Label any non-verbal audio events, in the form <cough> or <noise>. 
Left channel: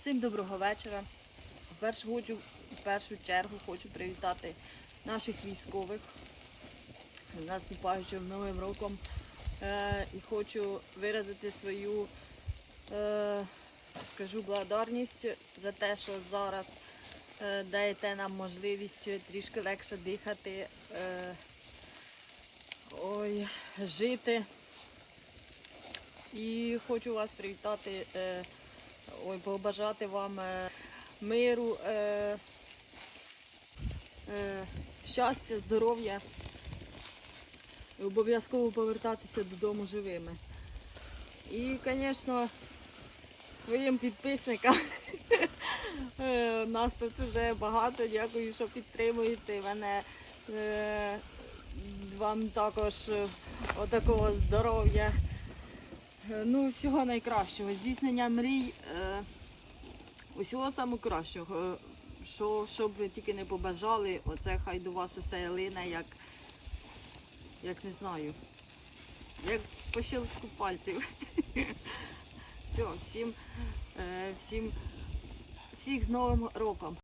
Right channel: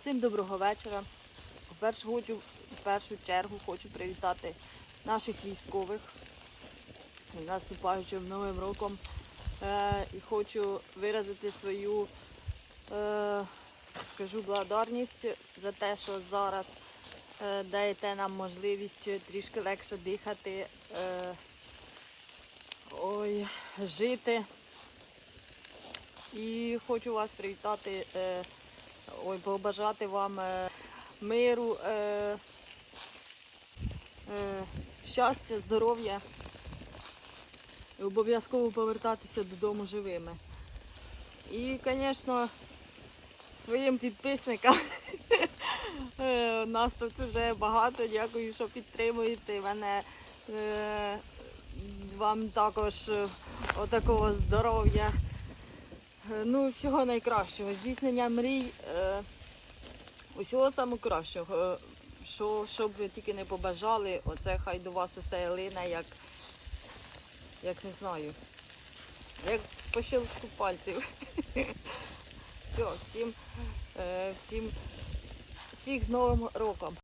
Всім доброго вечора. Хочу, в першу чергу хочу привітати наших військових з наступаючим новим роком. Е, і хочу виразити свою е, скажу благодарність за те, що зараз е, даєте нам можливість трішки легше дихати, е, ой, жити. І хочу вас привітати, е, ой, побажати вам е, миру, е, е, щастя, здоров'я. Обов'язково повертатися додому живими. І, звісно, своїм підписникам. <laughs> е, Нас тут вже багато. Дякую, що підтримуєте мене. Е, Вам також отакого здоров'я. Е, Ну, всього найкращого. Здійснення мрій. е, Усього самого кращого. Е, Що, що б ви тільки не побажали, оце хай до вас усе лине, як, як не знаю, як по щелчку пальців. <laughs> Все, всім, е, всім, всіх з Новим роком.